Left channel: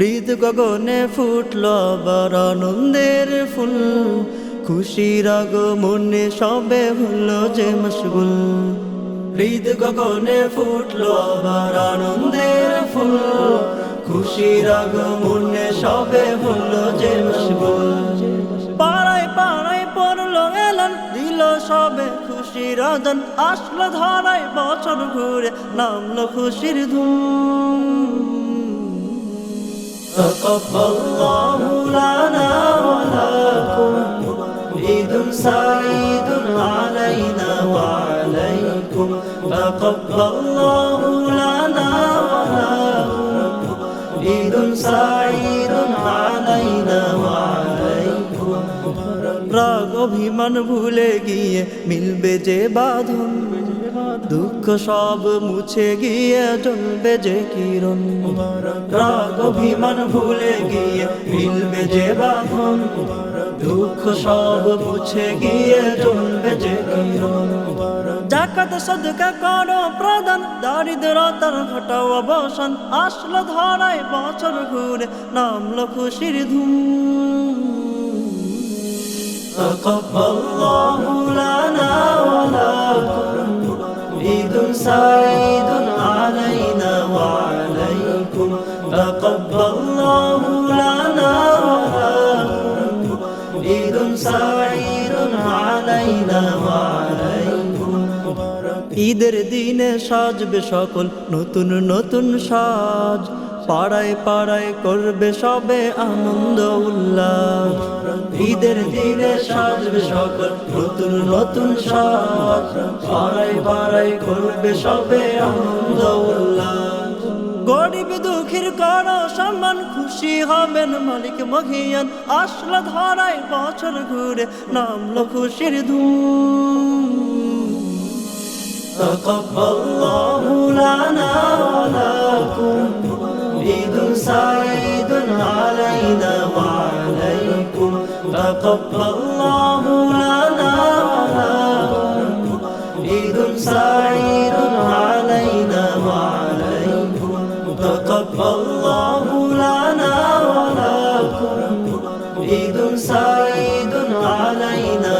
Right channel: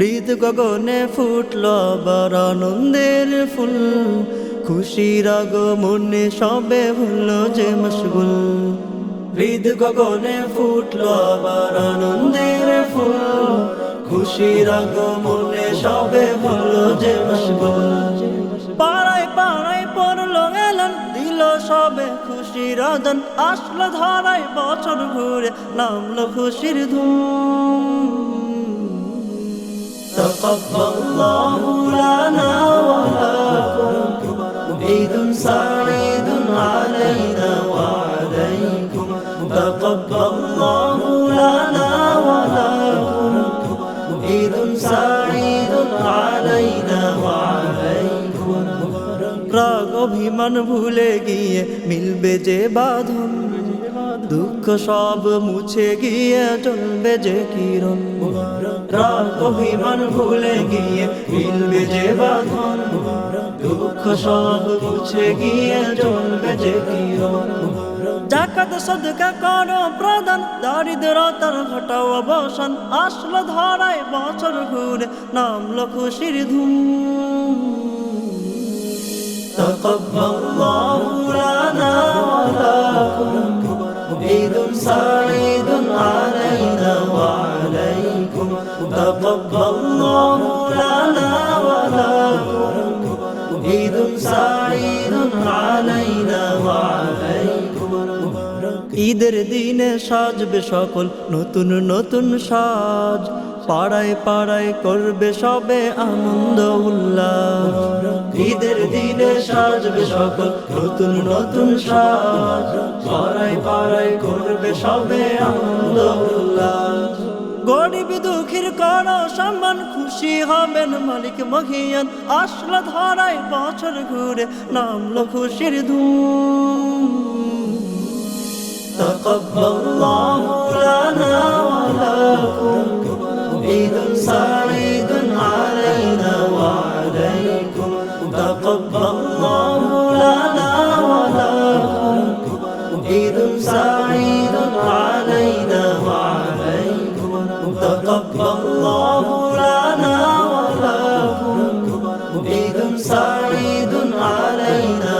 হৃদ গগনে ফুটল আবার আনন্দের ফুল, খুশির আগমনে সবে হলো যে মশগুল। হৃদ গগনে ফুটল আবার আনন্দের ফুল, খুশির আগমনে সবে হলো যে মশগুল। পাড়ায় পাড়ায় পড়লো এলান, দিল সবে খুশির আদান, আসলো ধারায় বছর ঘুরে, নামলো খুশির ধুম। تقبل الله لنا ولكم عيد سعيد علينا وعليكم. تقبل الله لنا ولكم عيد سعيد علينا وعليكم. রাগ অভিমান ভুলে গিয়ে মিলবে যে বাঁধন, দুঃখ সব মুছে গিয়ে জ্বলবে যে কিরণ। রাগ অভিমান ভুলে গিয়ে মিলবে যে বাঁধন, দুঃখ সব মুছে গিয়ে জ্বলবে যে কিরণ। জাকাত সদকা করো প্রদান, দারিদ্রতার ঘটাও অবসান, আসলো ধরায় বছর ঘুরে, নামলো খুশির ধুম। تقبل الله لنا ولكم عيد سعيد علينا وعليكم. تقبل الله لنا ولكم عيد سعيد علينا وعليكم. ঈদের দিনে সাজবে সকল নতুন নতুন সাজ, পাড়ায় পাড়ায় করবে সবে আনন্দ উল্লাস। ঈদের দিনে সাজবে সকল নতুন নতুন সাজ, পাড়ায় পাড়ায় করবে সবে আনন্দ উল্লাস। গরিব দুঃখীর করো সম্মান, খুশি হবেন মালিক মহিয়ান, আসলো ধরায় বছর ঘুরে, নামলো খুশির ধুম। تقبل الله لنا ولكم عيد سعيد علينا وعليكم. تقبل الله لنا ولكم عيد سعيد علينا وعليكم. تقبل الله لنا ولكم عيد سعيد علينا